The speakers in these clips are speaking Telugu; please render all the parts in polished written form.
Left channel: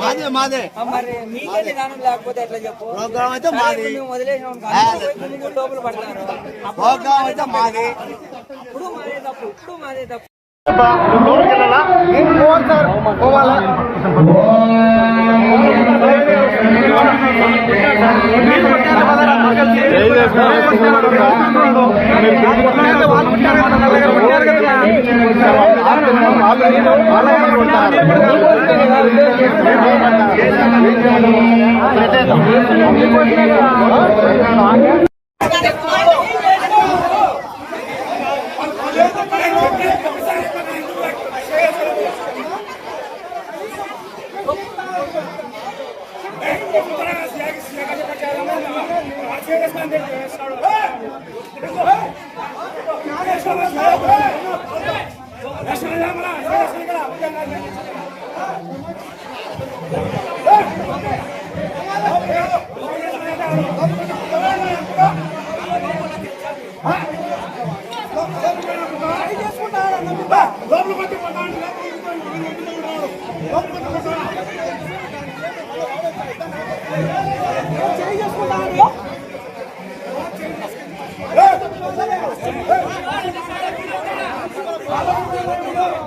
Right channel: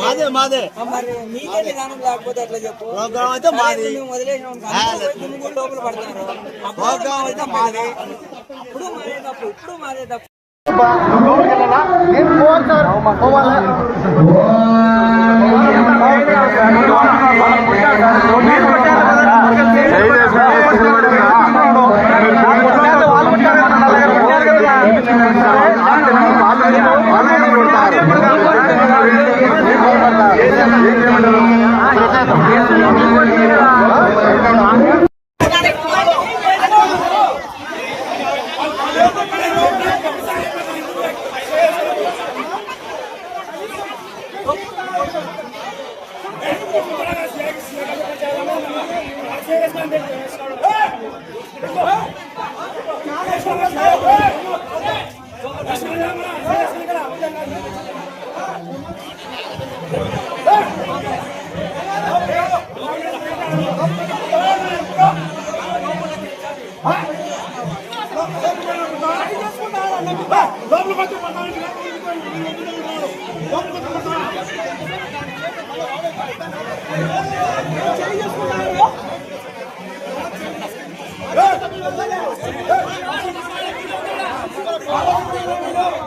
మాదే మాదే మరి మీకే నిదానం లేకపోతే ఎట్లా చెప్పు. ప్రోగ్రామ్ అయితే మాది, వదిలేసాం లోపల పడతారు. ప్రోగ్రామ్ అయితే మాది. ఇప్పుడు మాదే తప్పు, ఇప్పుడు మాదే తప్పు.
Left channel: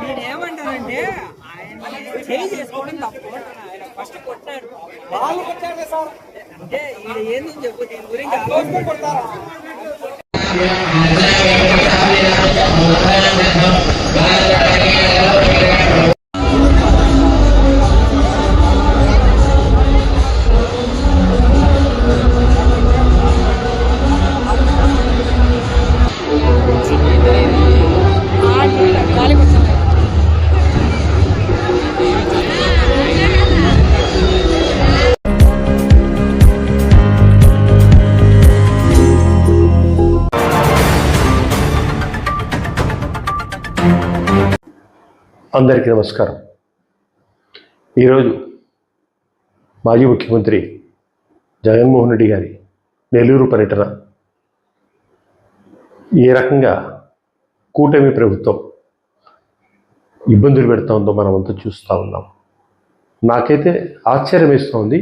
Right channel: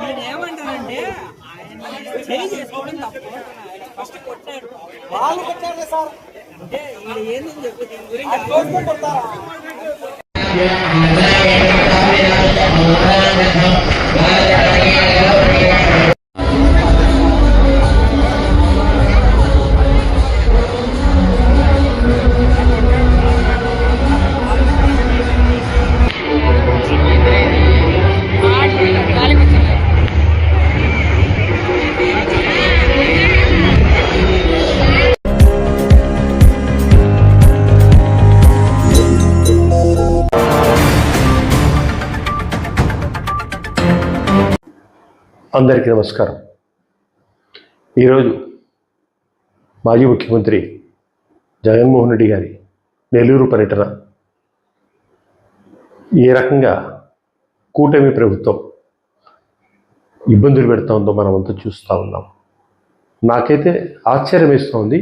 నేనేమంటానంటే ఆయన చేయి చేసుకోవడం తప్పు. ఆయన ఫస్ట్ కొట్టారు, వాళ్ళు కొట్టారు సార్. అంటే ఇది ఏందని చెప్పు, దీని గురించి కొడతారా? అందరికీ నమస్కారం. ఈరోజు మాజీ ముఖ్యమంత్రి జగన్మోహన్ రెడ్డి గారి నెల్లూరు పర్యటన ఏ రకంగా కూటమి ప్రభుత్వం ఇబ్బందులు పెడతా ఉందో మనమంతా చూస్తూ ఉన్నాం. నాకైతే ఆశ్చర్యం వేస్తోంది,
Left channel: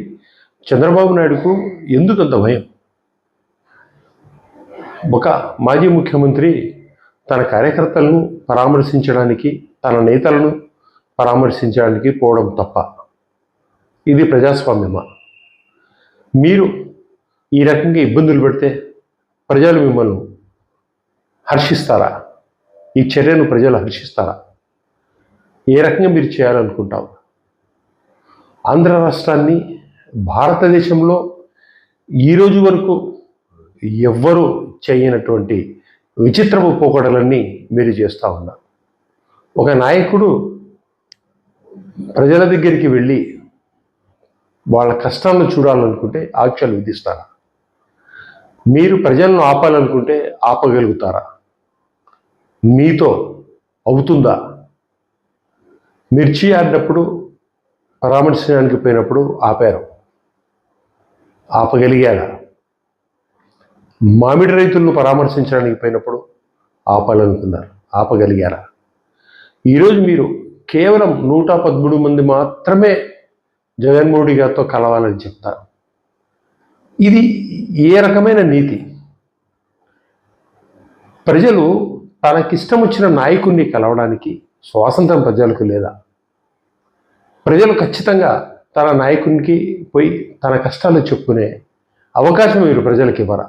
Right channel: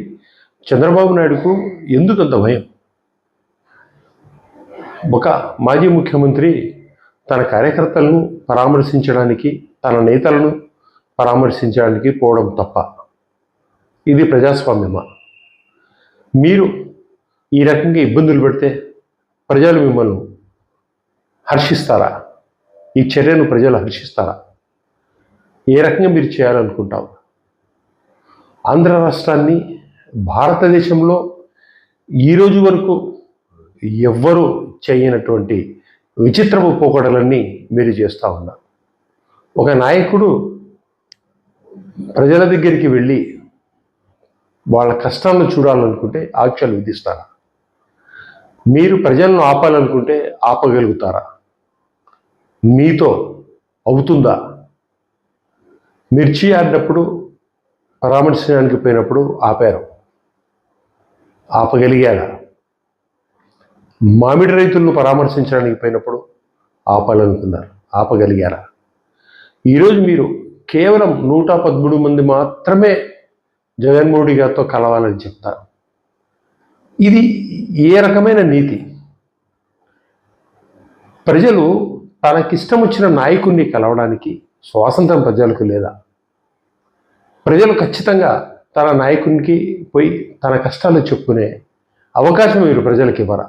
చంద్రబాబు నాయుడుకు ఎందుకంత భయం? ఒక మాజీ ముఖ్యమంత్రి తన కార్యకర్తలను పరామర్శించడానికి, తన నేతలను పరామర్శించడానికి పోవడం తప్ప ఇది ప్రజాస్వామ్యమా? మీరు ఈ రకంగా ఇబ్బందులు పెడితే ప్రజలు మిమ్మల్ని హర్షిస్తారా? ఈ చర్యను ప్రజలు హర్షిస్తారా? ఏ రకంగా మీరు చేయాలనుకుంటారు? ఆంధ్ర రాష్ట్రాన్ని భారతదేశంలో ఈరోజు వరకు ఎవ్వరూ చేయనటువంటి విచిత్రపు పోకడలన్నీ మీరు చేస్తూ ఉన్నారు. ఒక నాయకుడు ప్రజల దగ్గరికి వెళ్ళి వాళ్ళ కష్టాలను చూడాలనుకుంటే ఆంక్షలు విధిస్తారా? మీరు ప్రజలను ఆపాలనుకుంటే ఆపగలుగుతారా? మీతో అవుతుందా? మిర్చి ఆడినప్పుడు, పరామర్శించడానికి పోయినప్పుడు ఆపారు, ఆపగలిగారా? మామిడి రైతులను పరామర్శించడానికి పోయినప్పుడు ఆపాలనుకున్నారు, ఆపగలిగారా? ఈరోజు మీరు కేవలం 113 మంది మాత్రమే జగన్మోహన్ రెడ్డి గారితో కలవాలని చెప్తారు. ఇది ఏ రకమైన నీతి? ప్రజలు తనకిష్టం వచ్చిన నాయకుడిని కలవడానికి స్వాతంత్రం ప్రజలకు లేదా? ప్రజలు ఖచ్చితంగా తన నాయకునికి పోయి తన కష్టాలు చెప్పుకునే అవకాశం మీరు ప్రజలకు ఇవ్వరా?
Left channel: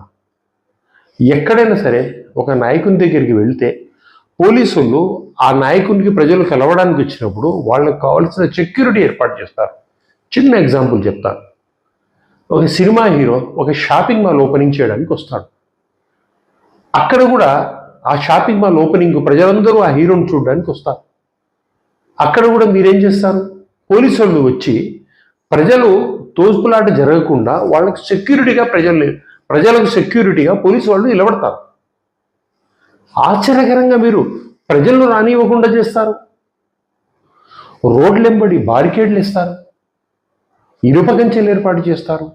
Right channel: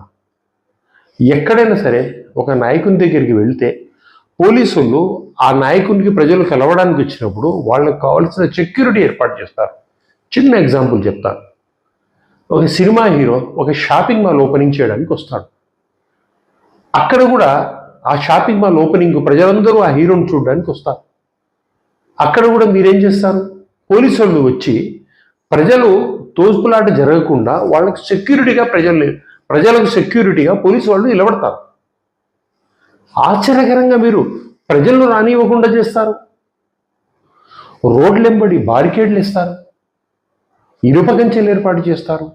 ఎక్కడైనా సరే ఒక నాయకుని దగ్గరికి వెళ్తే పోలీసులు ఆ నాయకునికి ప్రజలు కలవడానికి వచ్చినప్పుడు వాళ్ళకి కావాల్సిన సెక్యూరిటీ ఏర్పాటు చేస్తారు. చిన్న ఎగ్జాంపుల్ చెప్తాను. ఒక సినిమా హీరో ఒక షాపింగ్ మాల్ ఓపెనింగ్ చేయడానికి వస్తాడు. అక్కడ కూడా ఆ షాపింగ్ మాల్ ఓపెనింగ్ ప్రజలందరూ ఆ హీరోని చూడడానికి వస్తారు. అక్కడ కూడా మీరేం చేస్తారు? పోలీసు వాళ్ళు వచ్చి ప్రజలు తోసుపులాట జరగకుండా వాళ్ళకి సెక్యూరిటీగా ప్రజలకు సెక్యూరిటీగా పోలీసు వాళ్ళు నిలబడతారు. ఆశ్చర్యకరంగా మీరు ప్రజలను రానివ్వకుండా చేస్తారు. రోడ్లెంబడి బారికేడ్లు ఇస్తారు, ఇనుప కంచెలు ఏర్పాటు చేస్తారు,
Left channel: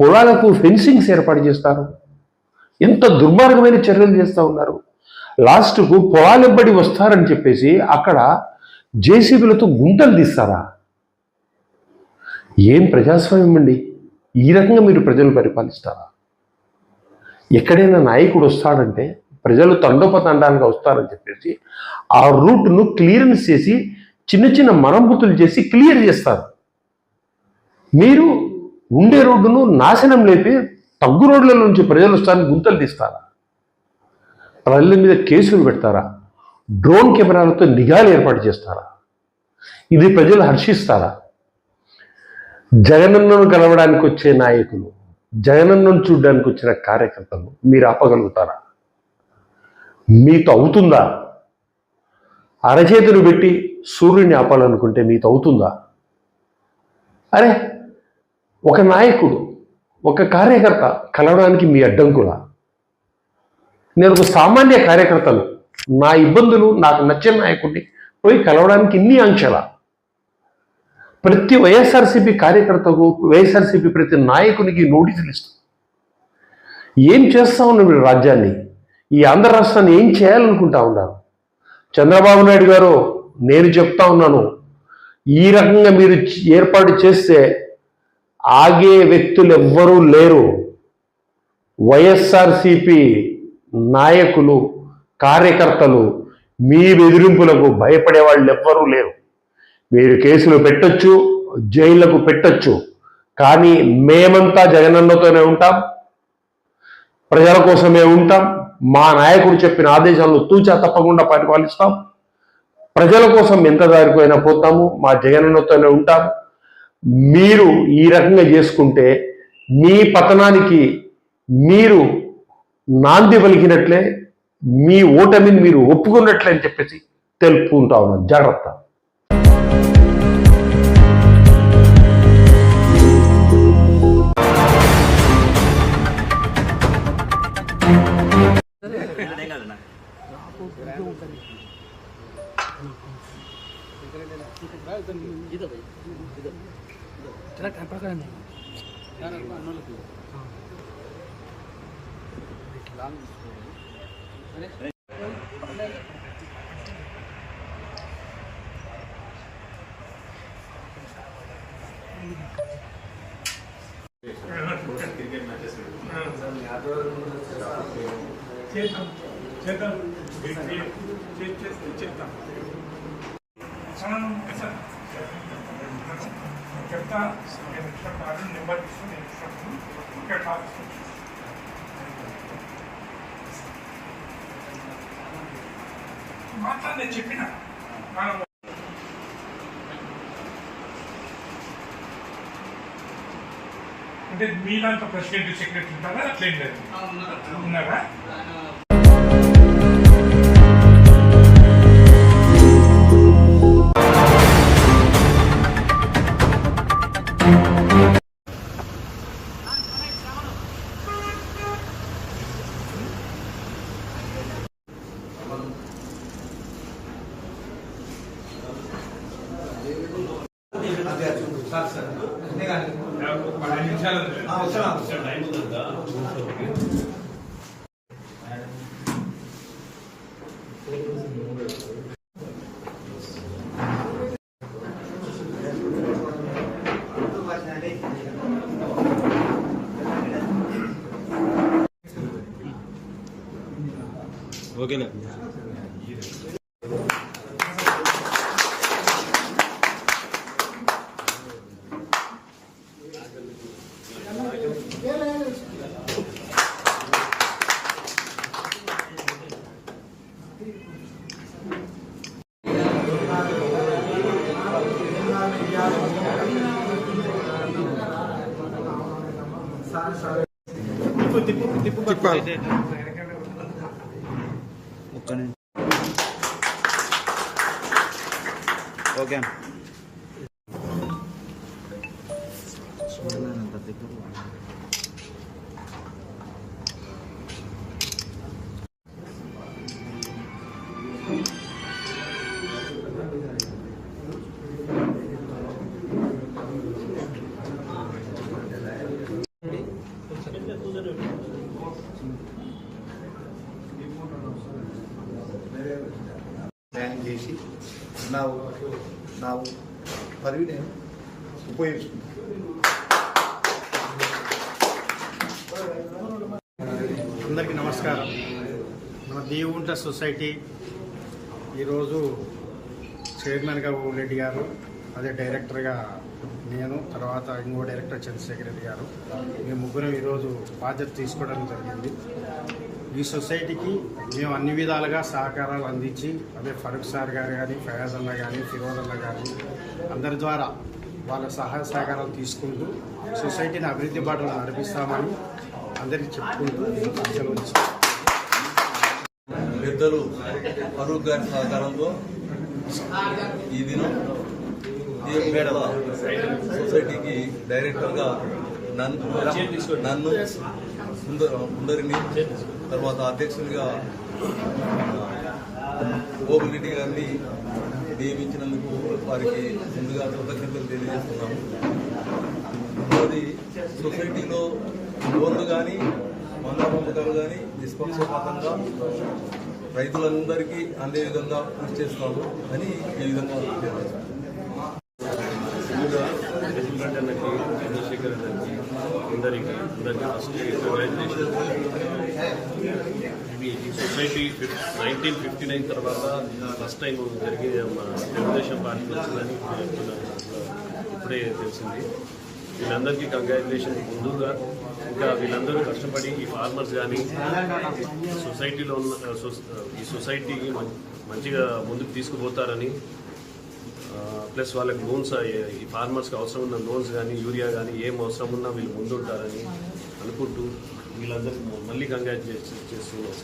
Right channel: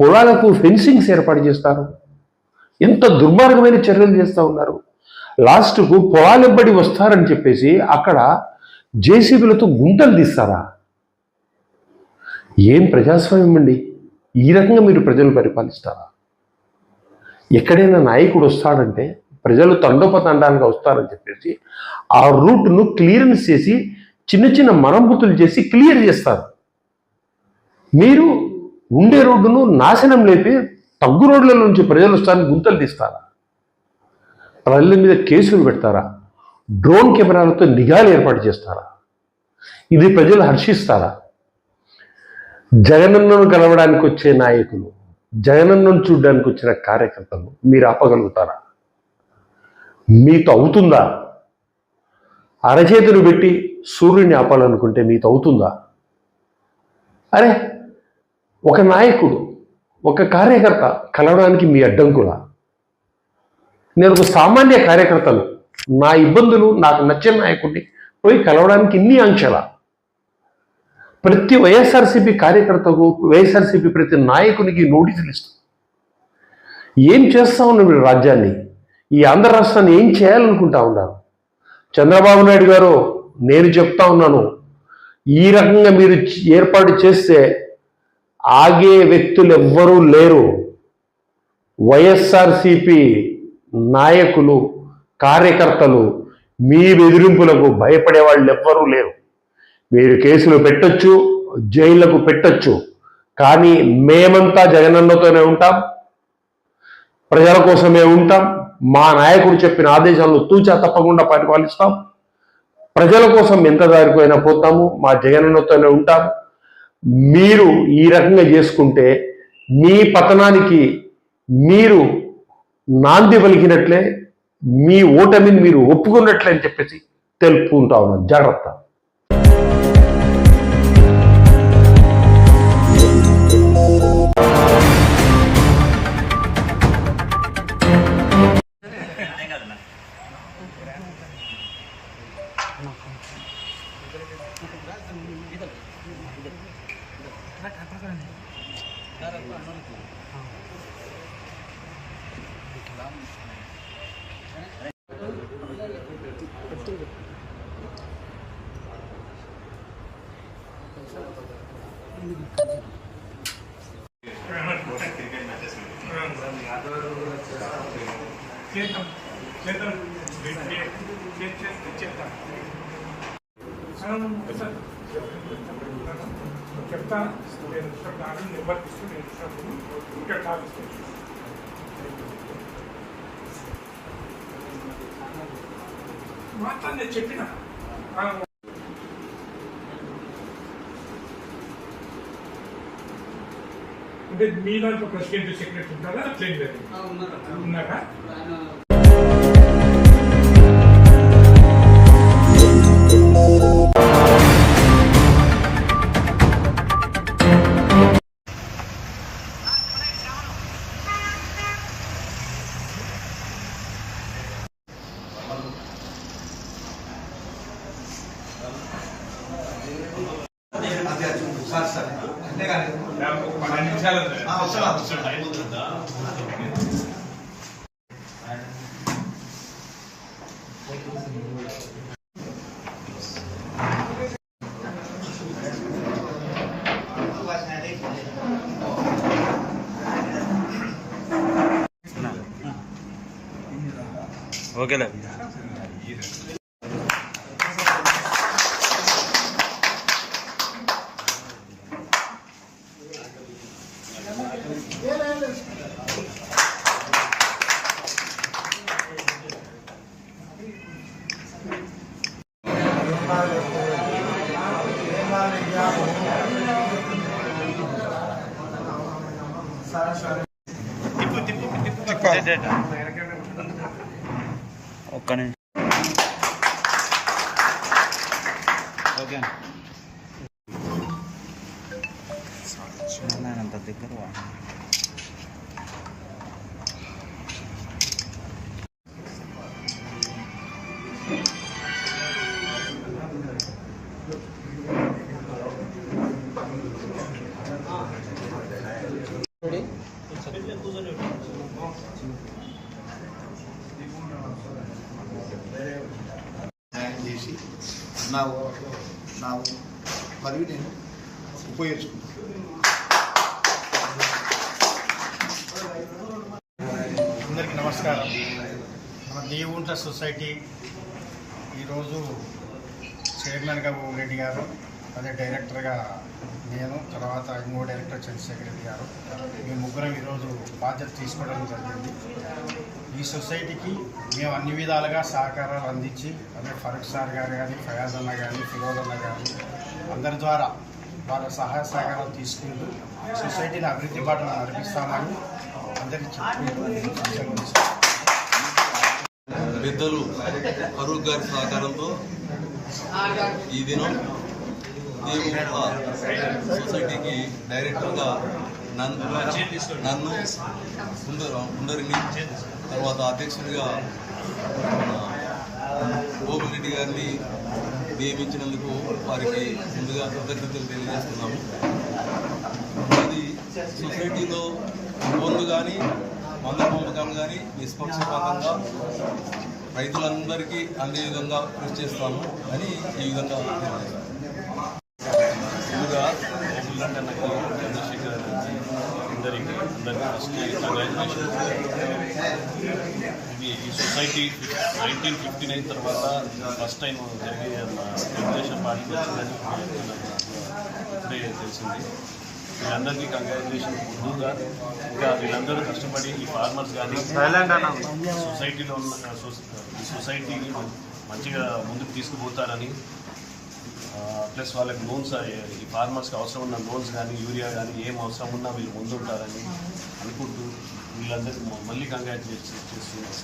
పొలాలకు ఫెన్సింగ్స్ ఏర్పాటు చేస్తారు. ఎంత దుర్మార్గమైన చర్యలు చేస్తూ ఉన్నారు. లాస్ట్కు పొలాలెంబడి వస్తారని చెప్పేసి అక్కడ జేసీబీలతో గుంటలు తీస్తారా? ఏం ప్రజాస్వామ్యం అండి? ఈ రకంగా మీరు ప్రజలు పరిపాలిస్తారా? ఎక్కడైనా నాయకుడు వస్తాడంటే ప్రజలు తండోపతండాలుగా వస్తారని చెప్పేసి ఆ రూట్ను క్లియరెన్స్ చేసి చిన్న చిన్న మరమ్మతులు చేసి క్లియర్ చేస్తారు. మీరు ఉండే రోడ్డును నాశనం లేపి తగ్గు రోడ్ల నుంచి ప్రజలు వస్తారని గుంతలు తీస్తారా? ప్రజల మీద కేసులు పెడతారా? డ్రోన్ కెమెరాలతో నిఘాలు ఏర్పాటు చేస్తారా? ఇది ప్రజలు హర్షిస్తారా? జగనన్నను కలవడానికి వచ్చే నాయకులు, జగనన్నను చూడడానికి వచ్చిన కార్యకర్తలు మీరు ఆపగలుగుతారా? మీతో అవుతుందా? అరచేతులు పెట్టి సూర్యుని ఆపాలనుకుంటే మీతో అవుతుందా? అరే, ఒక నాయకుడు ఒక కార్యకర్త కలవడానికి మీ అడ్డంకులా? నేను ఒక సామాన్య కార్యకర్తను, నా ఇబ్బందులు నాకు నచ్చిన నాయకుడిని పోయి కలవడానికి ఇన్ని ఆంక్షలా? ప్రతి వైఎస్ఆర్సీపీ కార్యకర్తకు వైఎస్ఆర్సీపీ ప్రతి నాయకునికి నోటీసులు ఇస్తుంది. ఏం చేస్తా ఉన్నారు మీరు? రాజ్యాన్ని, ఈ ఆంధ్ర రాష్ట్రాన్ని ఏం చేయాలనుకుంటా ఉన్నారు? చంద్రబాబు నాయుడు గారు, నేను చెప్తా ఉన్నాను, ఈ రకంగా మీరు ఏర్పాటు చేస్తే ఆగే వ్యక్తులు ఎవ్వరూ లేరు. వైఎస్ఆర్సీపీ నాయకులు, కార్యకర్తలు మీ బెదిరింపులకు భయపడే వాళ్ళు ఎవ్వరూ లేరు. మీరు కేసులు పెట్టొచ్చు, జైళ్లకు పెట్టొచ్చు, కానీ మేమంతా జగనన్నతోనే ఉంటాం, ప్రజల కోసమే ఉంటాం. మా నాయకుడు చెప్పిన ఆదేశాలను తూచా తప్పకుండా పరిపాలిస్తాం. ప్రజల కోసం ఎంత దారిపోయినా పోతాము, మా జగనన్నతోనే ఉంటాం. మీరు ఈ రకంగా చేసుకుంటే మీ పతనానికి మీరు నాంది పలికినట్లే, మీ ఓటమిని మీరు ఒప్పుకున్నట్లే అని చెప్పేసి తెలుపుకుంటా ఉన్నాను. జాగ్రత్త. చెప్తా నెంబర్ తీసుకుని ఇక్కడ కాదు మాట్లాడి నేను చెప్పిన అంటే మీ దాంట్లో ప్రెసిడెంట్ సెక్రటరీ ఉంటారా? అట్లేం లేదు, ఉన్నారా? ఓకేలే. ఒక్క నిమిషం. ఓకే అంత దగ్గర న్యాయం చేసి నా పదవి నేను ఉపయోగించుకుంటాను. అందరికీ నమస్కారం. మన దేవుంట్ల సొసైటీ ఈరోజు చైర్మన్గా రెడ్డి గారు, అదే డైరెక్టర్గా నేను, తర్వాత ఇంకో డైరెక్టర్ చంద్రశేఖర్ రెడ్డి గారు, మేము ముగ్గురం ఈరోజు బాధ్యత తీసుకోవడం జరిగింది. ఈ సొసైటీకి మేము అన్ని విధాలుగా సహకారాలు అందించి, అదే ఫరూక్ సార్ గారు కానీ, ఫయాజ్ అన్న కానీ, ఫిరోజ్ అన్న కానీ అందరి ద్వారా వాళ్ళ సహాయ సహకారాలు తీసుకుంటూ సొసైటీని అభివృద్ధి బాటలో నడిపిస్తామని అందరికీ చెప్పుకుంటూ సెలవు ఇస్తాం. పెద్దలు ఫరూక్ గారి సహకారంతో ఈ దినం దేవుట్ల సొసైటీకి డైరెక్టర్గా నన్ను సుందరిని, తర్వాత అధ్యక్షునిగా గోపిరెడ్డి గారిని నియమించినందుకు వారికి ముందుగా కృతజ్ఞతలు తెలియజేస్తున్నాము. అది సొసైటీలో లోన్లు కానీ, మందుల పంపకాలు కానీ నిష్పక్షపాతంగా రైతులందరికీ అందే విధంగా కృషి చేస్తాము అని ఈ విధంగా తెలియజేస్తాము. ముందుగా గోపిరెడ్డి అన్నకి, చంద్రశేఖర్ అన్నకి, అందరికీ ఫస్ట్ కంగ్రాచులేషన్. ఈ సొసైటీ 1959 తర్వాత ఫస్ట్ టైం జరిగే తెలుగుదేశం పార్టీకి వచ్చిందని చెప్తున్నారు. నాకు ఇప్పుడే తెలిసింది. వీళ్ళందరికీ కంగ్రాచులేషన్. ముందుగా ఇంకా వీళ్ళందరూ కష్టపడి ఈ ఫార్మర్స్ కానీ సొసైటీలో ఉన్న ఈ సొసైటీకి మంచిగా ముందుకు తీసుకుపోతారని, ప్లస్ వాళ్ళకి లోన్స్, ఈ ఫార్మర్స్కి అవసరం ఉన్న లోన్స్ కానీ, యూరియా కానీ ఏం అవసరం ఉన్నా వీళ్ళు ముందుంటారని అనుకుంటూ వీళ్ళందరికీ మళ్ళీ కంగ్రాచులేషన్ చేస్తున్నాం.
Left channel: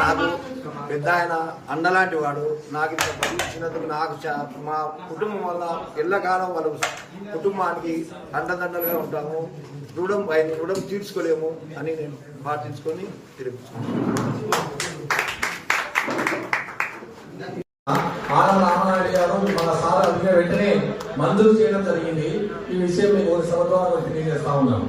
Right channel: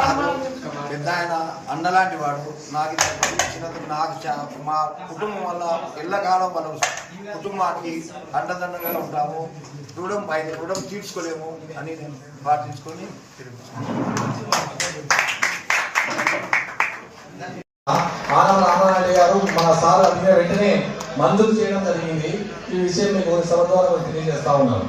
నాకు పెద్ద ఆయన అండలాంటి వాడు. నాకు ఇంత ఇచ్చినందుకు నాకు మా కుటుంబం వల్ల ఎల్లకాలం వాళ్ళ కుటుంబానికి అండదండలుగా ఉంటాము. రుణం తీర్చుకోలేము అని నేను పాటించుకొని ఆనంద్ గారు మన సార్ అడిగిన వెంటనే మంజూరు చేయడం జరిగింది. ఈ విషయం మీకు సభ ద్వారా తెలియజేస్తా ఉన్నాను.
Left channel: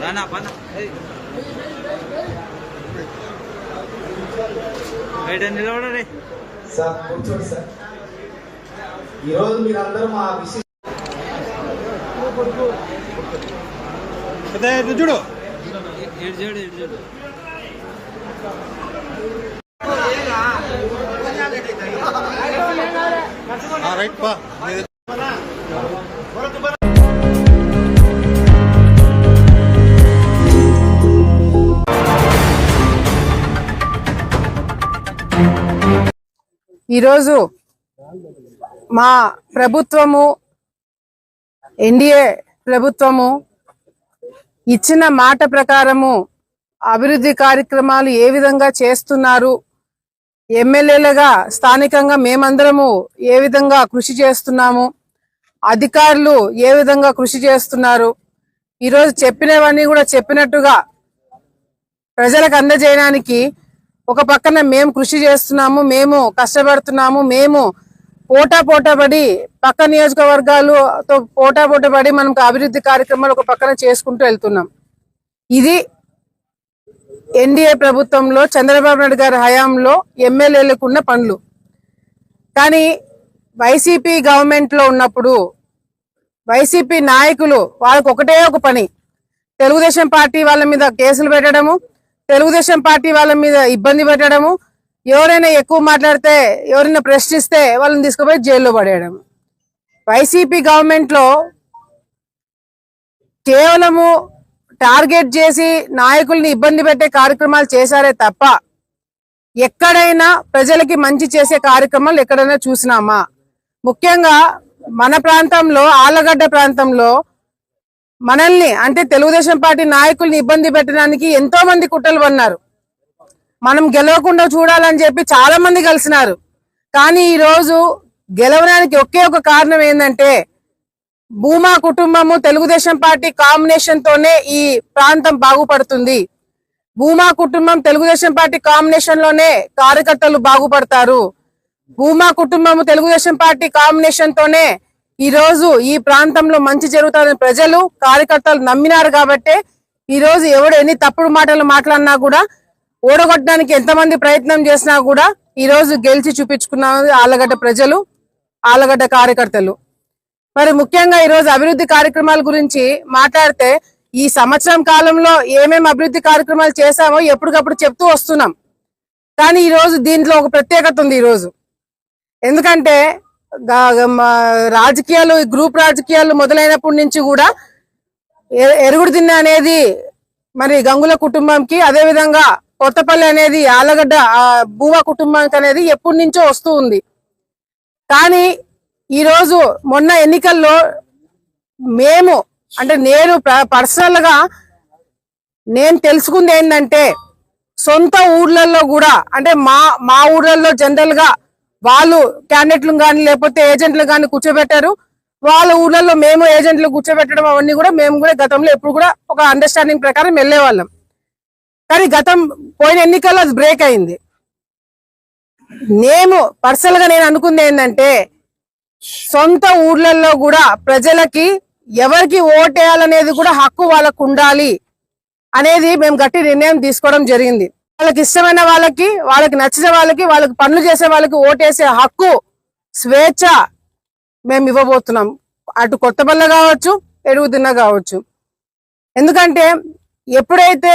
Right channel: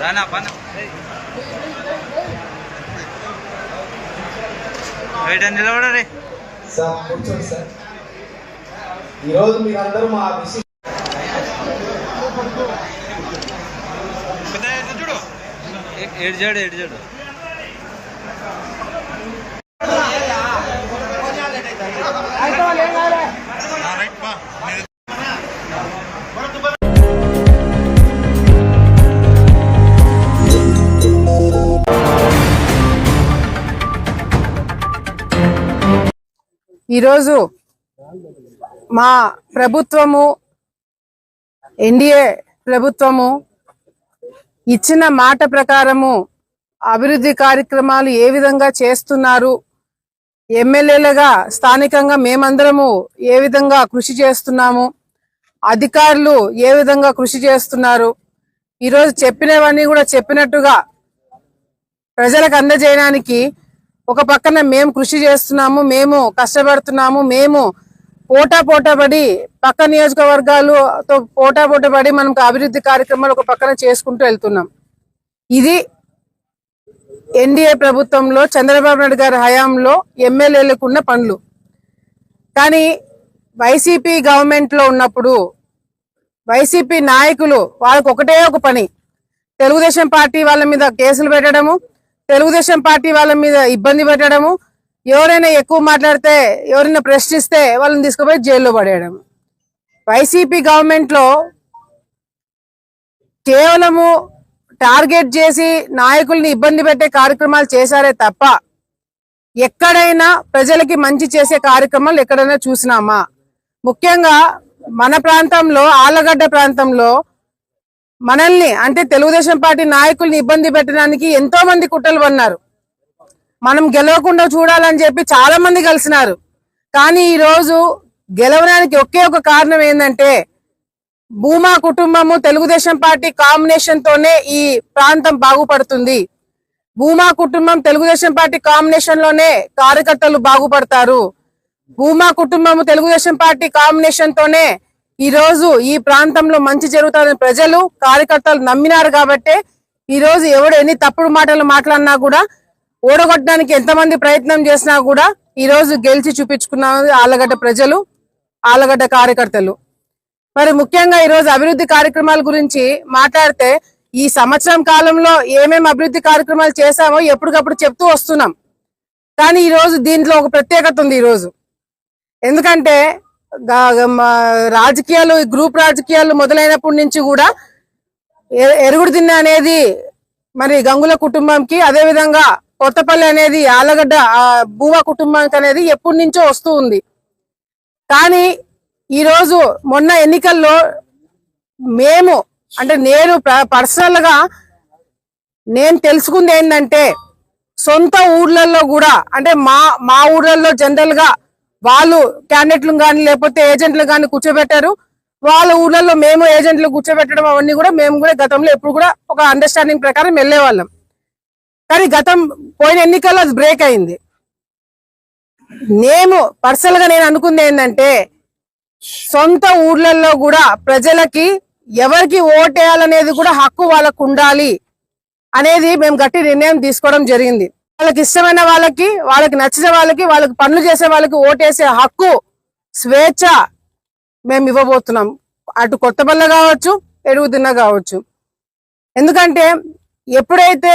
రానా పన్న బయట నిలబడరే. సార్ కూర్చోండి సార్. ఈరోజు మీరందరూ మా విషయం చూడు రైట్ పా. ఈరోజు మా ప్రభుత్వము ఎన్డీఏ ప్రభుత్వము ఇచ్చిన మాట ప్రకారము అభివృద్ధి కార్యక్రమాలు ఏ విధంగా చేస్తున్నారు, ఎమ్మెల్యేలుగా స్థానికంగా మేమందరము ఏ విధంగా కృషి చేస్తున్నాము, అధికారులు ఏ విధంగా కృషి చేస్తున్నారు, ఈరోజు చెప్పినవన్నీ కూడా చెప్పినట్టుగా ప్రజలకు అందజేయడానికి ఒక పక్కన మేము కృషి చేస్తున్నాము, మేము కష్టపడుతున్నాము, మేము పోటాపడి పక్క నియోజకవర్గాలతో పోటాపడి మనం అభివృద్ధి కార్యక్రమాలు ఒక పక్కన చేసుకుంటూ వెళ్తున్నాం. ఇది ఎన్డీఏ ప్రభుత్వంలో చంద్రబాబు నాయుడు గారి హయాంలో ఎమ్మెల్యేలకు ఉన్న పనులు. కానీ వైసీపీ గవర్నమెంట్ లో ఉన్నప్పుడు వైసీపీ నాయకులు వాళ్ళకి ఒకటే ఒక పని, తెలుగుదేశం పార్టీ వాళ్ళ మీద కేసులు పెట్టడము, తెలుగుదేశం పార్టీ వాళ్ళ మీద ఇబ్బంది పెట్టడము, ఎవరైనా ఎక్కువ మాట్లాడితే ఎవరైనా ప్రశ్నిస్తే వాళ్ళని తీసుకుపోయి జైల్లో పడేయడం. వైసీపీ గవర్నమెంట్ లో కేవలము టార్గెట్ చేసి నాయకుల్ని ఇబ్బంది పెట్టే కార్యక్రమాలు చేశారే తప్ప ఎక్కడైనా ప్రజలకి మంచి చేసే కార్యక్రమాలు ఎక్కడైనా చూసినామా? ముఖ్యంగా మన ప్రాంతంలో ఆళ్లగడ్డ ప్రాంతంలో మనల్ని అంటే తెలుగుదేశం పార్టీ నాయకుల్ని ఇబ్బంది పెట్టడానికి ఎంతో మంది కుట్రలు పన్నారు. మనం గెలవకుండా చూడాలని చెప్పి చాలా మంది కలిసినారు. కానీ ఈ రోజు గెలవడానికి ఒకే ఒక కారణం ఏంటంటే భూమా కుటుంబము తెలుగుదేశం పార్టీ కాంబినేషన్ తోనే ఈ ప్రాంతం బాగుపడుతుంది. భూమా కుటుంబం తెలుగుదేశం పార్టీ కాంబినేషన్ లోనే కార్యకర్తలు బాగుపడతారు. భూమా కుటుంబము తెలుగుదేశం పార్టీ కాంబినేషన్ తోనే ఈ రోజు ఈ ప్రాంతంలో మంచి జరుగుతుందని ప్రజలు కార్యకర్తలు నమ్మినారు. కాబట్టి ఈ రోజు ఎవడు ఎన్ని తప్పుడు మాటలు మాట్లాడినా కూడా ఓడగొట్టడానికి ఎంతమంది ప్రయత్నం చేసినా కూడా ఈ రోజు గెలిచి చూపించుకున్నారు ఆళ్లగడ్డ ప్రజలు, ఆళ్లగడ్డ కార్యకర్తలు. మరి ముఖ్యంగా ఈ రోజు అభివృద్ధి కార్యక్రమాల గురించి మాట్లాడితే ఈ సంవత్సరం కాలంలో ఏమేమి అభివృద్ధి కార్యక్రమాలు చేశామో ఎప్పటికప్పుడు చెప్తూ వస్తున్నాం. కానీ ఈ రోజు దీంట్లో ఒక ప్రత్యేకత ఉంది. ఈ రోజు ఎందుకంటే రాజకీయాలు, గ్రూప్ రాజకీయాలు మొదలైనప్పటి నుంచి కూడా ఎరుగుడు దిన్న అనేది మరి గంగుల కుటుంబంకి, అదే విధంగా కొత్తపల్లి అనేది ఆళ్లగడ్డ భూమా కుటుంబానికి అనేది ఎప్పటి నుంచో వస్తూ ఉంది. కానీ ఈ రోజు మొన్న ఎన్నికల్లో మేము అంటే నేను పర్సనల్ గా నేను తెలుసుకుంది ఏంటంటే సొంత ఊర్లలో కూడా అంటే మా ఊర్లలో జనరల్ గా వాళ్ళు క్యాండిడేట్లు కానీ లేకపోతే ఏజెంట్లు కానీ కూర్చోబెట్టారు. వాళ్ళ ఊర్లలో మేము ఏజెంట్లు కూర్చోబెట్టడం అవన్నీ కూడా మేము కూడా గతంలో ఎప్పుడు కూడా ఒక అండర్స్టాండింగ్ ప్రకారం వెళ్ళేవాళ్ళం. కానీ పోయిన ఎన్నికల్లో అది బ్రేక్ అయింది. నేను పర్సనల్ గా నేను అనుకుంది ఏంటంటే సొంత ఊర్లలో కూడా ప్రజలకి ఎవరికి ఓటేయాలనేది కూడా హక్కు వాళ్ళకు ఉండాలి అనేది మేము గట్టి నిర్ణయం తీసుకోవడం జరిగింది. వాళ్ళకి ఇష్టమైన వాళ్ళకి, వాళ్ళకి నచ్చిన వాళ్ళకి, వాళ్ళకి పనులు చేసే వాళ్ళకి ఓటేసే హక్కు, స్వేచ్ఛ మేము ఇవ్వబోతున్నాం. అటు కొత్తపల్లి కావచ్చు, ఎరుగుదిన్న కావచ్చు. ఎందుకంటే ఎప్పుడైతే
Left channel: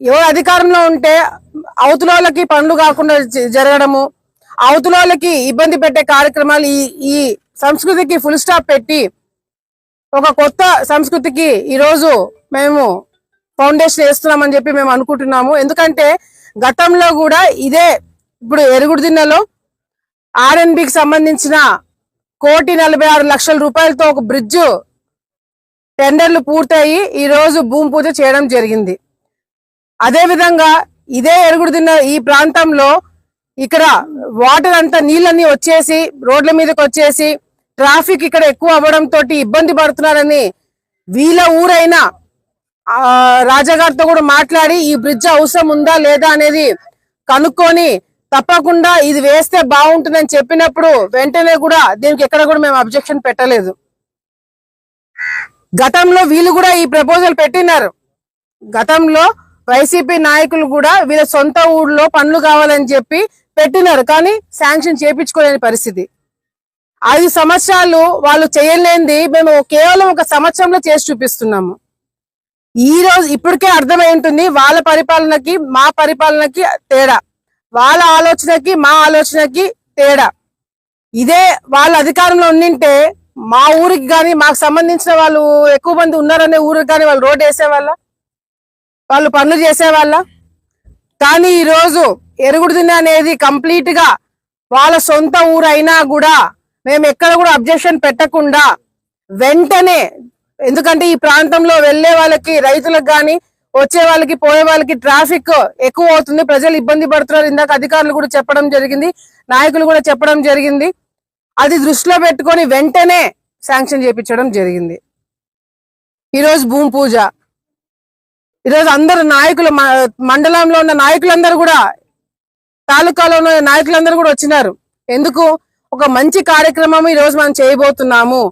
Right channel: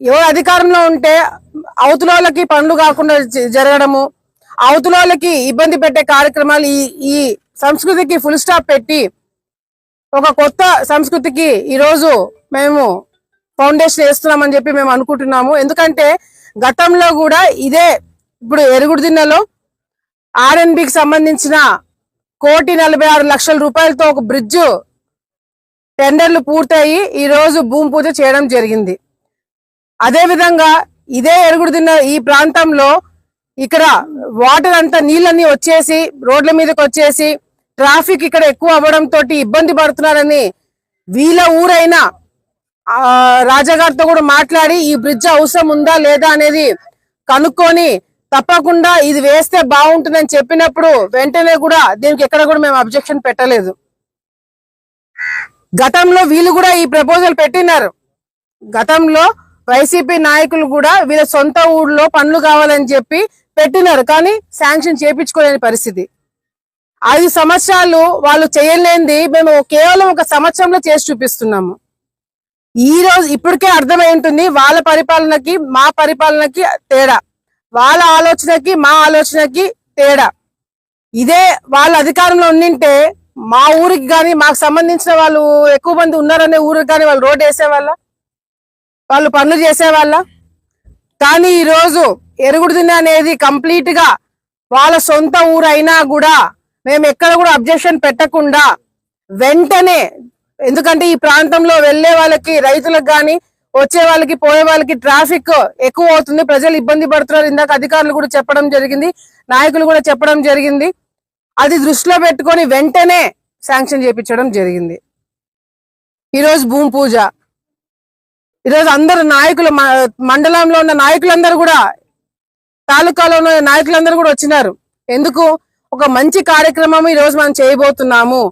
ఎవరు అధికారంలో ఉంటే అవతలోళ్ళకి పనులు కాకుండా జరగడము, అవతలోళ్ళకి ఇబ్బంది పెట్టే కార్యక్రమాలు, ఈ సంస్కృతికి ఫుల్ స్టాప్ పెట్టి ఒక కొత్త సంస్కృతికి ఈరోజు మేము ఫౌండేషన్ వేస్తున్నామని చెప్పి మేము అనుకుంటున్నాము. ఎందుకంటే గతంలో కూడా ఇదే ఇప్పుడు ఎరుగుడిదిన్నలో ఆర్ఎన్బికి సంబంధించిన 1,46,00,000 రూపాయలతో ఒక బ్రిడ్జ్ టెండర్లు పూర్తయి ఈ రోజు భూమి పూజ చేయడం జరిగింది. అదే విధంగా ఇదే ఎరుగుడిదిన్న ఈ ప్రాంతంలో ఇక్కడ వాటర్ అంతా నీళ్ళన్నీ వచ్చేసి రోడ్ల మీదకి వచ్చేసి ట్రాఫిక్ ఇక్కడ ఎక్కువ అవ్వడంతో ఇబ్బంది పడుతున్నారని వీళ్ళ ఊరైనా రాజాగారితో కూడా మాట్లాడి ఈ బ్రిడ్జ్ అవసరం ఉందా లేదా అనేది కనుక్కొని తప్పకుండా ఇది వేస్తే బాగుంటుందని చెప్పినప్పుడు వెంటనే కూడా దీనికి ఎక్కడ కూడా మేము అబ్జెక్షన్ పెట్టలేదు. గతంలో వీళ్ళు కూడా ఈ ప్రపోజల్ పెట్టినారు. గతంలో వైసీపీ నాయకులు కూడా వీళ్ళ సొంత ఊళ్ళో పనులు కావాలని చెప్పి పెట్టినారు, కానీ శాంక్షన్ చేయించుకోలేని పరిస్థితి. 5 సంవత్సరాలు వాళ్ళు చేయలేనిది మేము కేవలం 1 సంవత్సరంలో చేసి చూపిస్తున్నాము. ఈ రోజు ఇప్పటికే అర్థమై ఉంటుంది వాళ్ళ పరిపాలనకి మా పరిపాలనకి తేడా, వాళ్ళ ఆలోచనకి మా ఆలోచనకి తేడా. ఇదే వాళ్ళ అధికారంలో ఉండింటే మా ఊరికి కానీ మాకు సంబంధించిన వాళ్ళు ఎక్కువ మంది ఉన్నారనే ఊరికి కానీ వాళ్ళు రోడ్డు వేసేవాళ్ళ, వాళ్ళు పనులు చేసేవాళ్ళ. కానీ ఈ రోజు ఎరుగుడుదిన్న అనేది కంప్లీట్ గా వాళ్ళ సొంత ఊరు అయినా కూడా మేము ఎక్కడ కూడా అబ్జెక్షన్ పెట్టకుండా వెంటనే, ఎందుకంటే ఈ ప్రాంతంలో వెళ్లే వాళ్ళకి, రైతులకు కానీ వచ్చే వాళ్ళకి పోయే వాళ్ళకి ట్రాఫిక్ ఎక్కువ అవుతుంది, ప్రజలు ఇబ్బంది పడుతున్నారు. ఇందాక అధికారులు కూడా చెప్పడం జరిగింది, నాయకులు కూడా చెప్పడం జరిగింది. అది దృష్టిలో పెట్టుకొని వెంటనే శాంక్షన్ చేయించడం జరిగింది. ఈరోజు భూమి పూజ, ఈరోజు అందరు నాయకులు, మండలంలో ఉన్న నాయకులందరూ కూడా, తాలూకాలో ఉన్న నాయకులందరూ కూడా వచ్చినారు. ఎందుకు? ఒక మంచి కార్యక్రమం ఈ రోజు మనం చేయబోతున్నాము.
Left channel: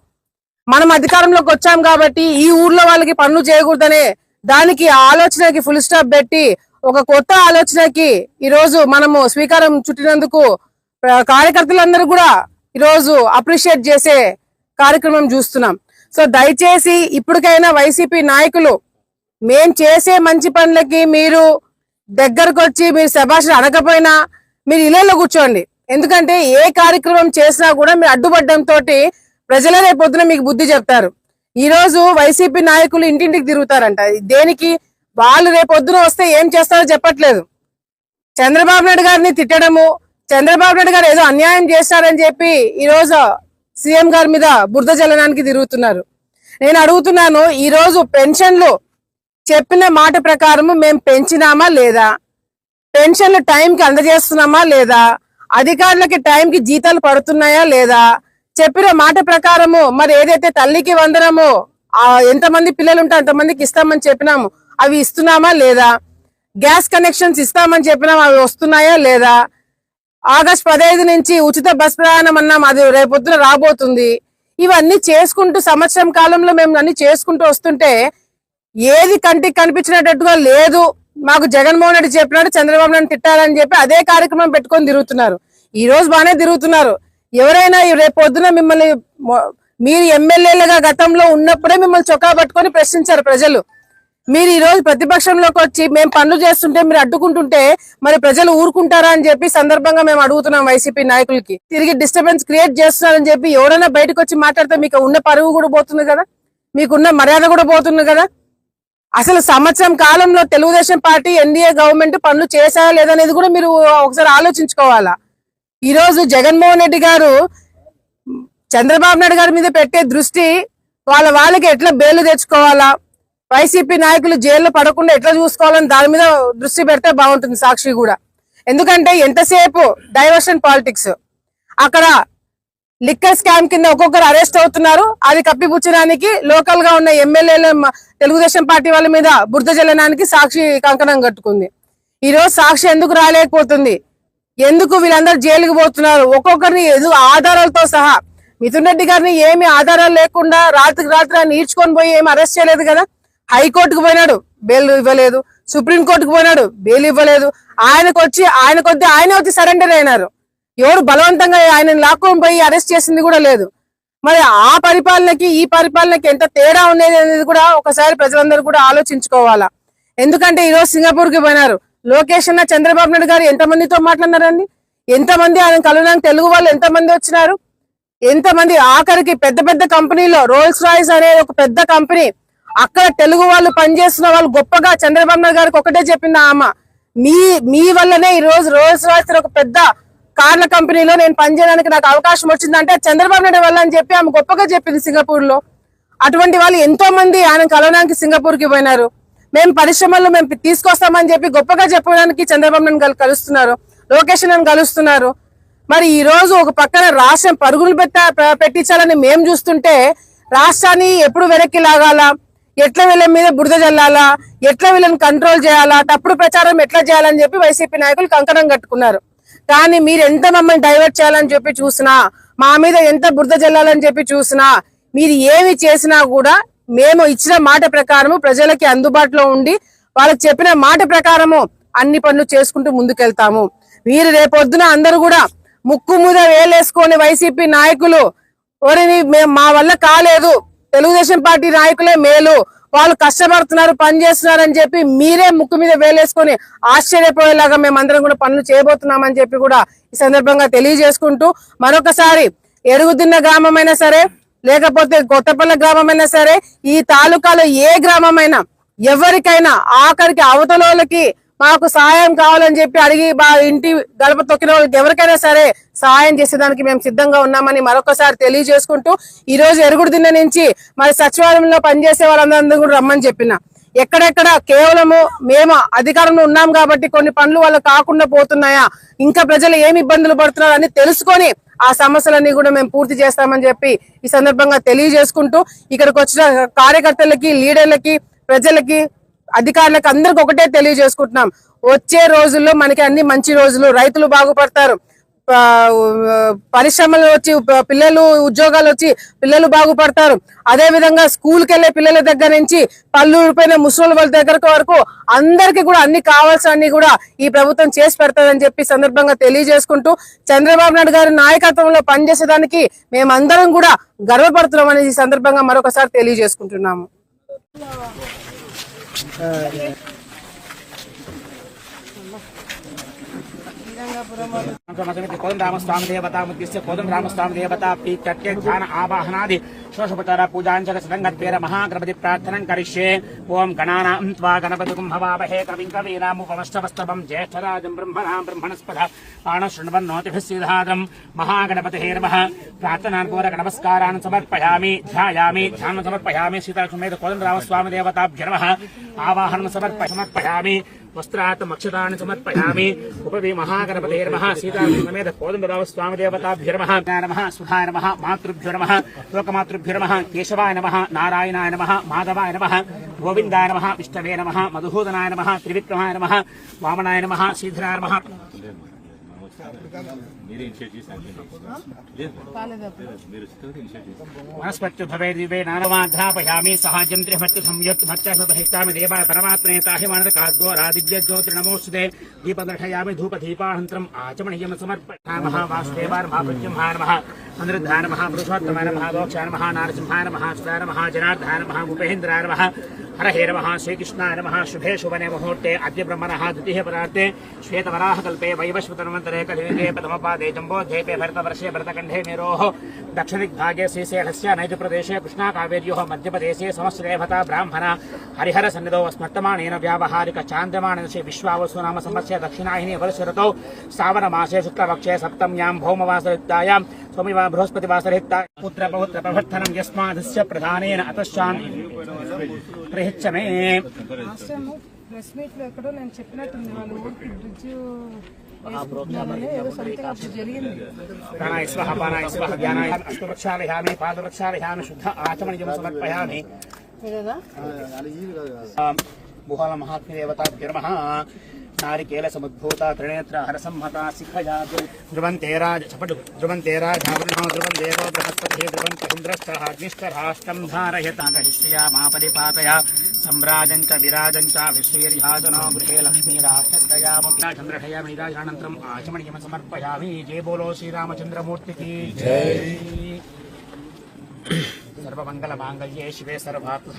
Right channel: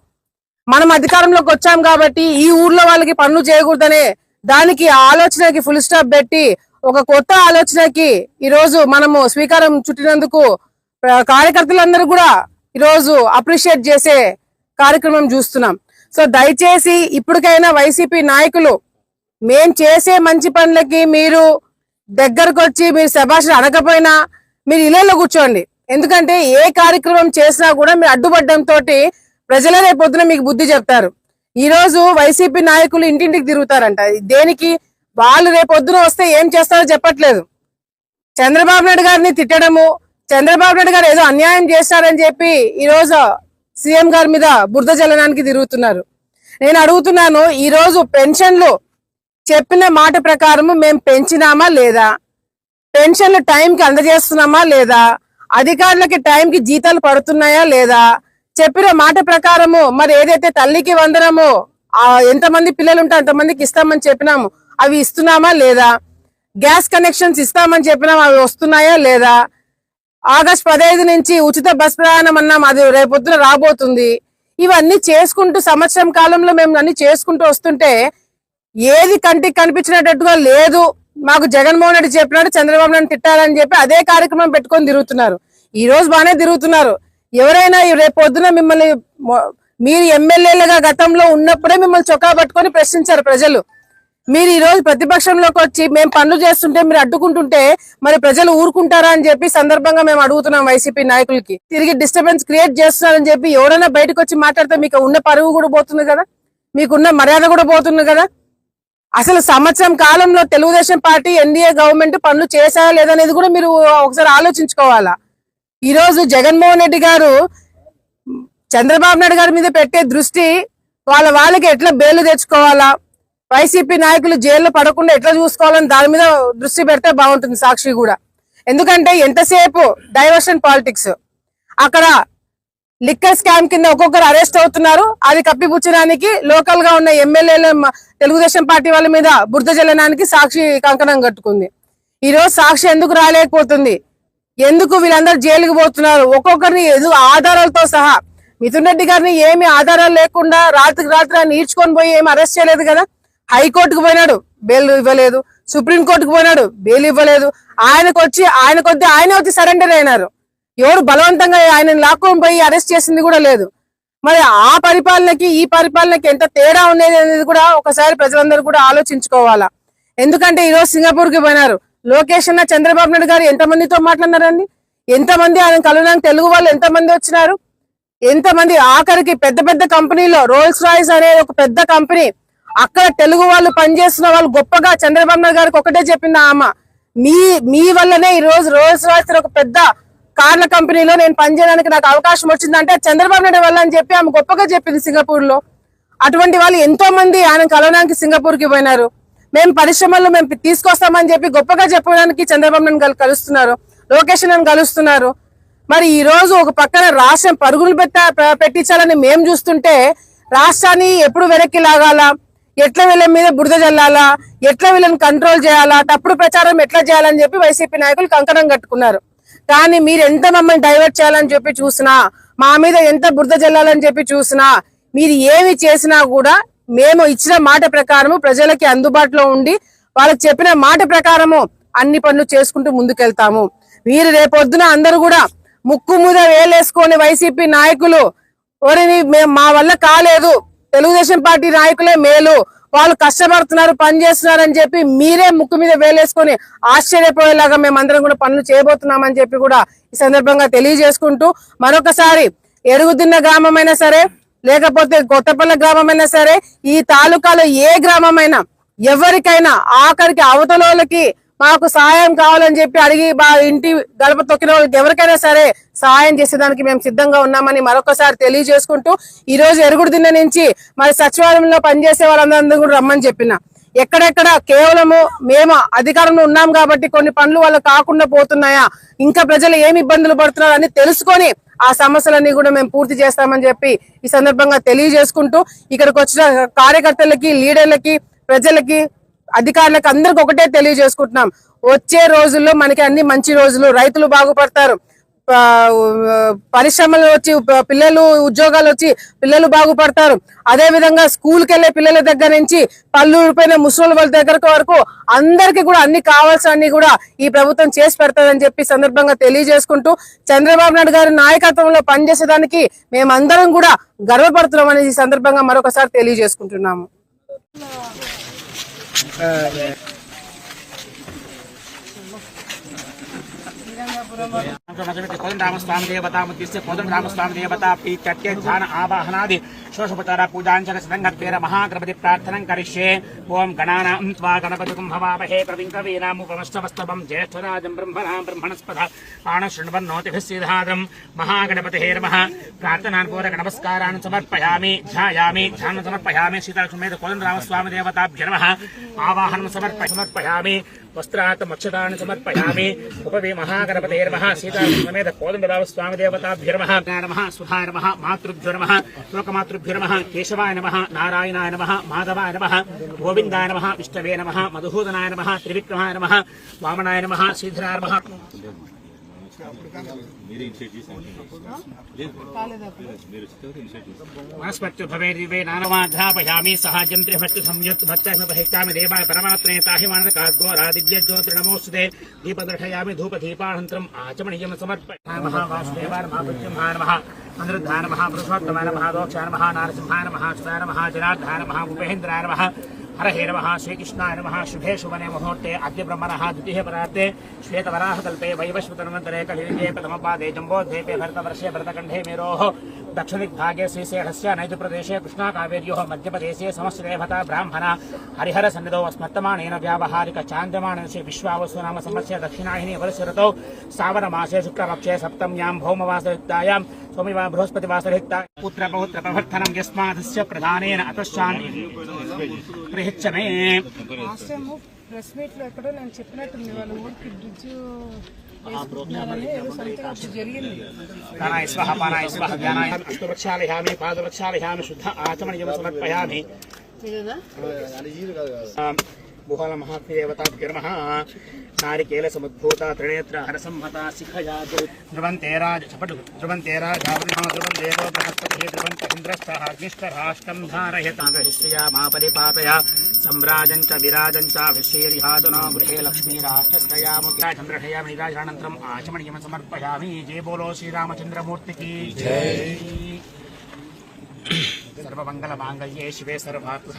మనం అధికారంలోకి వచ్చాం కాబట్టి ఈ ఊర్లో వాళ్ళకి పనులు చేయకూడదనే దానికి ఆలోచనకి ఫుల్ స్టాప్ పెట్టి ఒక కొత్త ఆలోచనకి ఈరోజు మనము స్వీకారం చుట్టినందుకు కార్యకర్తలందరూ కూడా ఈరోజు అప్రిషియేట్ చేసే కార్యక్రమం చూస్తున్నాం. సో దయచేసి ఇప్పటికైనా వైసీపీ నాయకులు, మేం చేసే మంచి పనులకి మీరు దగ్గరకు వచ్చి మీరు శభాషణ అనకపోయినా మీరు ఇళ్ళలో కూర్చోండి. ఎందుకంటే ఏ కార్యక్రమం చేసినా కూడా మీరు అడ్డుపడ్డంతో ప్రజలే రేపొద్దున మీకు బుద్ధి చెప్తారు. ఈ రోజు వైసీపీ నాయకులు ఇంటింటికి తిరుగుతారంట. దేనికి? వాళ్ళు రేపొద్దున వస్తే ఏం చేస్తారో చెప్పట్లేదు. చంద్రబాబు నాయుడు గారిని తిట్టడము, చంద్రబాబు నాయుడు గారు ఏదో అన్యాయం చేస్తారని చెప్పి ఈ రోజు సీఎం గారి మీద బురద జల్లడానికి తిరుగుతున్నారు. నేను అడుగుతున్నాను, ఈ రోజు పెన్షన్లు చెప్పిన మాట ప్రకారం మేము పెంచినామా లేదా? పెన్షన్లు టైంకి అందజేస్తున్నామా లేదా? అధికారులకి టైంకి జీతాలు పడుతున్నాయా లేదా? చెప్పిన మాట ప్రకారము మరి ఏదైతే తల్లికి వందనమో ఎంతమంది పిల్లలు ఉంటే అంతమందికి ఇస్తామని చెప్పినాము, అవి ఇస్తున్నామా లేదా? గ్యాస్ కనెక్షన్స్ ఇస్తామని చెప్పినాము, అవి వస్తున్నాయా లేదా? ఆగస్టు 15 నుంచి ఉచిత బస్ ప్రయాణం అన్నాం, అది రేపొద్దున రాబోతుంది. ఇవన్నీ చేసుకుంటూ సంవత్సరం కాలంలో మేము అన్ని చేసుకుంటూ వస్తుంటే ఏది కంటికి కనిపించినట్టుగా లేదు. మాకు జగన్మోహన్ రెడ్డి చెప్పినట్టు చంద్రబాబు నాయుడు తిట్టాలని చెప్పి అదే కార్యక్రమం పెట్టుకొని తిరుగుతున్నారు. ఈ రోజు బాగానే తిరుగుతున్నారు. ఎవరైనా రేపు పొద్దున మిమ్మల్ని, మీరు ఎమ్మెల్యేలుగా గతంలో ఉన్నప్పుడే మిమ్మల్ని చొక్కా పట్టుకొని ప్రశ్నించారు ప్రజలు. మీరు ఈ రోజు ప్రతిపక్షంలోకి వచ్చి మేము పనులు చేస్తుంటే మీరు అడ్డుకుంటుంటే మరి ప్రజలు ఊరుకుంటారా అని చెప్పి సందర్భంగా మేము అడుగుతున్నాం వైసీపీ నాయకులకి. తిరిగి డిస్టర్బెన్స్ క్రియేట్ చేస్తున్నారని చెప్పి ఎవరైనా బయటకు వచ్చి మాట్లాడితే మీకు ఉన్న పరువు కూడా పోతుంది కదా, మీకున్న మర్యాద కూడా పోతుంది కదా. అసలు సంవత్సరం కాలంలో తెలుగుదేశం పార్టీ, ఎన్డీఏ గవర్నమెంట్ పనులు చేశారా లేదనేది కూడా మీరు ఒకసారి ఆలోచించుకోవాలా. ఈ రోజు జగన్మోహన్ రెడ్డి గారు చంద్రబాబు నాయుడు గారి మీద పెట్టే దృష్టి వాళ్ళకి ఎట్లా బెయిల్ తెచ్చుకోవాలా, వైసీపీ నాయకులు జైల్లో పడకుండా ఎట్లా చూసుకోవాలని దాని మీద దృష్టి పెడితే బాగుంటుంది సాక్షి కూడా. ఎందుకంటే ఎంతసేపు డైవర్షన్ పాలిటిక్స్, అక్కడ లిక్కర్ స్కామ్ కింద ఒక్కొక్కరు అరెస్ట్ అవుతున్నారు, అది కప్పిపుచ్చడానికి లోకల్ గా ఉన్న ఎమ్మెల్యేలు తెలుగుదేశం పార్టీ వాళ్ళ మీద బురద జల్లడానికి సాక్షి కంకణం కట్టుకుంది. ఈ రోజు సాక్షి ఎందుకు రాలేకపోతుంది? ఎందుకు వీళ్ళందరూ జైలుకి పోతున్నారు? ఒక్కొక్కరిని ఆధారాలతో సహా. మిథున్ రెడ్డి గారిని ఏమి ఆధారాలు లేకుండా రాత్రికి రాత్రి ఆయన ఈడ్చుకొని పోయి ఏమి అరెస్ట్ చేయలేదు కదా. హైకోర్టుకు పోయినాడు, బెయిల్ ఇవ్వలేదు. సుప్రీంకోర్టుకు పోయినాడు, బెయిల్ ఇవ్వలేదు. ఆయనే వచ్చి సరెండర్ అయినారు. ఎవరు బలవంతంగా ఆయన లాక్కొని పోయి అరెస్ట్ చేసింది కూడా లేదు. మరి ఆ పరిపాలనకి ఈ పరిపాలనకి ఎంత తేడా ఉండేది అనేది కూడా ఒకసారి ప్రజలందరూ కూడా ఆలోచించుకోవాలా. ఎందుకంటే ఈ రోజు సింగపూర్ కి పోయినారు. లోకేష్ అన్న, చంద్రబాబు నాయుడు గారు ఎంతమందితో మాట్లాడినారండి? ఎంతమంది ఆయన కలవడానికి తెలుగు వాళ్ళు ఎంతమంది వచ్చినారు? ఎంతమంది? ఆఖరికి పెద్ద పెద్ద కంపెనీలో రోల్స్ రాయ్స్ అనే ఒక పెద్ద కంపెనీ, అక్కడ తెలుగు వాళ్ళు పనిచేస్తున్న వాళ్ళు గొప్పగా చంద్రబాబు నాయుడు గారికి ఒకటే చెప్పింది ఆమె, మీ వల్లనే ఈ రోజు రోల్స్ రాయ్స్ ఒక పెద్ద కార్ల కంపెనీలో నేను పనిచేయడానికి నాకు అవకాశం వచ్చిందంటే చంద్రబాబు నాయుడు వల్ల అని చెప్పి ఆమె గొప్పగా చెప్పింది సింగపూర్ లో. అటువంటి వాళ్ళు ఎంతో మంది ఆయన కలవడానికి సింగపూర్ కి పోయినారు. మేము పరిశ్రమల్లో మేము తీసుకొస్తామని చెప్పి గొప్పగా చెప్పడానికి చంద్రబాబు నాయుడు కలుస్తున్నారు, లోకేష్ నాయుడు కలుస్తున్నారు. మరి ఈ రోజు ఒక పక్కన రాష్ట్రం పరుగులు పెట్టించాలని మేము చూస్తుంటే రాష్ట్రాన్ని ఎప్పుడు వెనక్కి లాగాలా, ఎట్లా వీళ్ళ మీద బురద జల్లాలా, ఎట్లా వీళ్ళని కంట్రోల్ చేయాలా, తప్పుడు ప్రచారం ఎట్లా చేయాలని చెప్పి వైసీపీ నాయకులు కంకణం కట్టుకున్నారు. కానీ మీరు ఎంత మమ్మల్ని డైవర్ట్ చేయాలని చెప్పి చూసినా, మా మీద ఎంత బురద జల్లాలని చెప్పి చూసినా, మీరు ఏమి చేసినా కూడా మేము ఇచ్చిన మాట ప్రకారము ప్రజలకి అందుబాటులో ఉండి వాళ్ళకి చెప్పిన మాట ప్రకారము అన్ని పనులు చేసుకుంటూ ముందుకెళ్తాము. మీరు రేపొద్దున అందరూ కూడా ముక్కు మీద వేలేసుకొని వైసీపీ నాయకులు ఓరిని మా వల్ల కాలేదు, తెలుగుదేశం పార్టీ నాయకులే మేలు, వాళ్ళు కష్టపడుతున్నారు, పని చేస్తున్నారు అని చెప్పి మీరే ముక్కు మీద వేలేసుకొని ఆశ్చర్యపోయేలాగా మేమందరం కూడా పనులు చేయబోతున్నామని చెప్పి కూడా ఈ సందర్భంగా తెలియజేసుకుంటూ మరొకసారి ఎరుగుదిన్న గ్రామమైనా సరే లేకపోతే కొత్తపల్లి గ్రామమైనా సరే ఈ తాలూకాలో ఏ గ్రామమైనా ఎవరికైనా ఆఖరికి అవతలోళ్ళకి మాకు సహాయం కావాలని చెప్పి అడిగి ఇంటి గడప తొక్కిన వాళ్ళకి ఎవరికైనా సరే సహాయం చేసేదానికి మేము సిద్ధంగా ఉన్నామని మరొకసారి తెలియజేసుకుంటూ ఈ రోజు ఎరుగుడుదిన్న నుంచి మరి సచివాలయంలో పనిచేసే వాళ్ళందరూ కూడా రమ్మని చెప్పిన ఎక్కడెక్కడ కేవలము మేము అధికారంలో ఉన్నాం కాబట్టి కొన్ని పనులు వాళ్ళు కాకుండా పోతున్నాయా, ఇంకా ప్రజలు ఏమి ఇబ్బందులు పడుతున్నారు అని తెలుసుకొని ఆ సమస్యలన్నీ కూడా మేము పూర్తి చేస్తామని చెప్పి ఈ సందర్భంగా తెలియజేసుకుంటూ ఇక్కడికి వచ్చిన కార్యకర్తలకి, లీడర్లకి, ప్రజలకి, అధికారులకు అందరికి ఒకటే తెలియజేసుకుంటున్నాం, వచ్చే రోజుల్లో మనకి అన్ని మంచి రోజులు, రైతులు బాగుపడతారు, పరిశ్రమలు వచ్చి పిల్లలు ఉద్యోగాలు వచ్చి పిల్లలు బాగుపడతారు, అదే విధంగా స్కూల్కి వెళ్లే పిల్లల దగ్గర నుంచి పళ్ళు ఊడిపోయిన ముసలి వాళ్ళ దగ్గర వరకు అందరికీ కూడా అన్ని కావాల్సిన కూడా ఈ ప్రభుత్వం చేసి పెడతాదని చెప్పి సందర్భంగా తెలియజేసుకుంటూ చంద్రబాబు నాయుడు గారి నాయకత్వంలో పనిచేసేదానికి మేమందరం కూడా గర్వపడుతున్నామని ఈ సందర్భంగా మరొకసారి తెలియజేసుకుంటున్నాము. కోదండరామస్వామి దేవత ముద్దిస్తే కోదండరామస్వామి దేవత ప్రీత్యర్కే ధ్యాన ఆవాహనాది శోషోపచార పూజాంచకరంగత్వేర మహాగణపతి ప్రార్థనం కరిష్యే. ఓం గణానాం త్వా గణపతిం హవామహే కవిం కవీనాముపమస్తవస్తవం జ్యేష్ఠరాజం బ్రహ్మణాం బ్రహ్మణస్పద ఆనశృణ్వన్నోతిభిస్సిద్ధాదం మహాగణపతే నమః. ప్రార్థనాపూర్వక నమస్కారాన్ని సమర్పయామి, ధ్యాయామి, ధ్యానం సమర్పయామి. సీతాక్షమేత కోదండరామస్వామి దేవతాభ్యో నమః. ఆవాహనం సమర్పయామి. వస్త్రాత్ మక్షతాన్ని సమర్పయామి. ఉపవి మహాగణపతే నమః. సీతాక్షమేత కోదండరామస్వామి దేవతాభ్యో నమః. సుధాయ నమః. మాతృభ్యో నమః. లోకమాతృభ్యో నమః. కేశవాయ నమః. నారాయణాయ నమః. మాధవాయ నమః. గోవిందాయ నమః. విష్ణవే నమః. మధుసూదనాయ నమః. త్రివిక్రమాయ నమః. వామనాయ నమః. శ్రీధరాయ నమః. మనస్పత్తి భవే దివే నానవాధ్యాపయామి. సహాజ్యం త్రిభక్తి సంయుక్త భక్త్యామి దేవాయ పరమాత్మే తాహిమానకాద్వారాదివ్య జ్యోతి నమోస్తుతే. దీపదర్శయామి ధూపదీపానంతరం ఆచమనీయం సమర్పయామః. వాసుదేవాయ నమః. ప్రత్యుంహాయ నమః. అనిరుద్ధాయ నమః. పురుషోత్తమాయ నమః. దోక్షాయ నమః. నారసింహాయ నమః. సుధాయ నమః. జనార్దనాయ నమః. ఉపేంద్రాయ నమః. హరహే నమః. శ్రీకృష్ణాయ నమః. శుభే శుభనే ముహూర్తే అద్య బ్రహ్మణః ద్వితీయ పరార్తే శ్వేతవరాహకల్పే వైవస్వతన్వంతరే కలియుగే ప్రథమపాదే జంబోద్వీపే భరతవర్షే భరతఖండే మేరోః దక్షిణదిగ్భాగే శ్రీశైలస్య నైజప్రదేశే కృష్ణాకావేర్యోః మధ్యప్రదేశే సమశ్రేభత బ్రాహ్మణ హరిహర సన్నిధౌ స్మర్తమానేన వ్యావహారిక చాంద్రమాణేన విశ్వావసు నామ సంవత్సరే దక్షిణాహిని వరుషరతౌ శ్రావణమాసే శుక్లపక్షే సప్తమ్యాం భౌమవాసరిక్తాయాం సోమవార బృహస్పతివాసరిక్తాయాం పుత్రపౌత్ర ప్రవర్తనం యస్మాదస్య ప్రధానేన అతశ్చాం ప్రహిచ్చమే. ప్రెస్ మీట్ లో ఎక్కడో నేను చెప్పినట్టుంది వాళ్ళు ఊరికి బ్రిడ్జ్ ఏదో సంథింగ్ జరిగింది. ప్రాణాయ స్వహ పానాయ స్వహ జ్ఞానాయ అష్టవృక్షాలయామి పాదవృక్షాలయామి శుద్ధ ఆచమనీయం సమర్పయామి. భూపాల మహాదేవతాభ్యో నమః. నారికేల సముద్భూత త్రినేత్ర హరసంహత శిఖయాదు ధ్రువంతే రాజాదేవో బృహస్పతి ధ్రువంతేంద్రశ్చాగ్నిష్టరాష్ట్రం ధారయతాగరిష్యమా పరిపాతయ సంరాజం చ విరాజం చ విశ్రీర్యాదునా గృహే లక్ష్మీరాష్టయామి. చంద్రహయామి రాజానంతరం ఆచమనీయం సమర్పయామి. జయ బోలో శ్రీరామచంద్రమూర్తికి జై. సర్వమంగళ మాంగళ్యే శివే సర్వార్థ.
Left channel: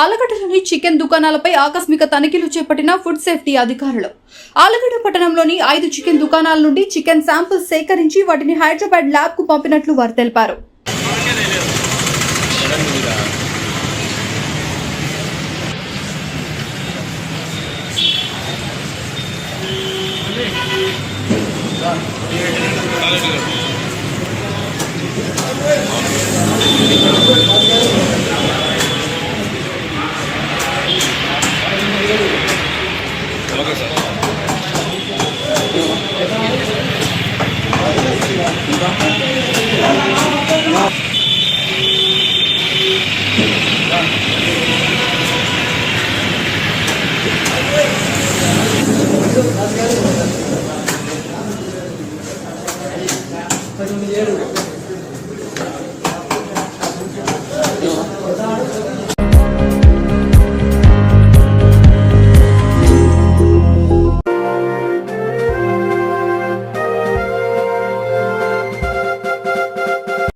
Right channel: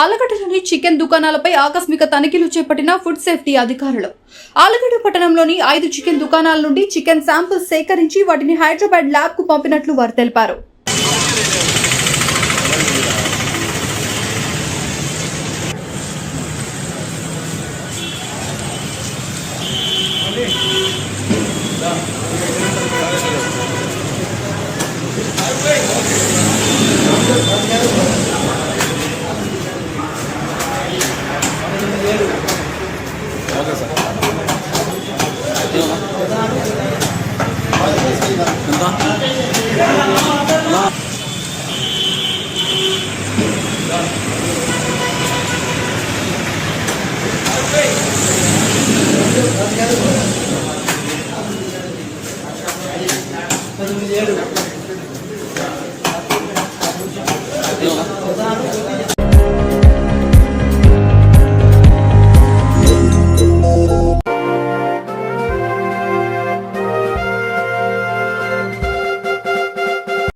ఆలగడ్డలోని చికెన్ దుకాణాలపై ఆకస్మిక తనిఖీలు చేపట్టిన ఫుడ్ సేఫ్టీ అధికారులు. ఆలగడ్డ పట్టణంలోని 5 చికెన్ దుకాణాల నుండి చికెన్ శాంపిల్స్ సేకరించి వాటిని హైదరాబాద్ ల్యాబ్ కు పంపినట్లు వారు తెలిపారు. Gracias.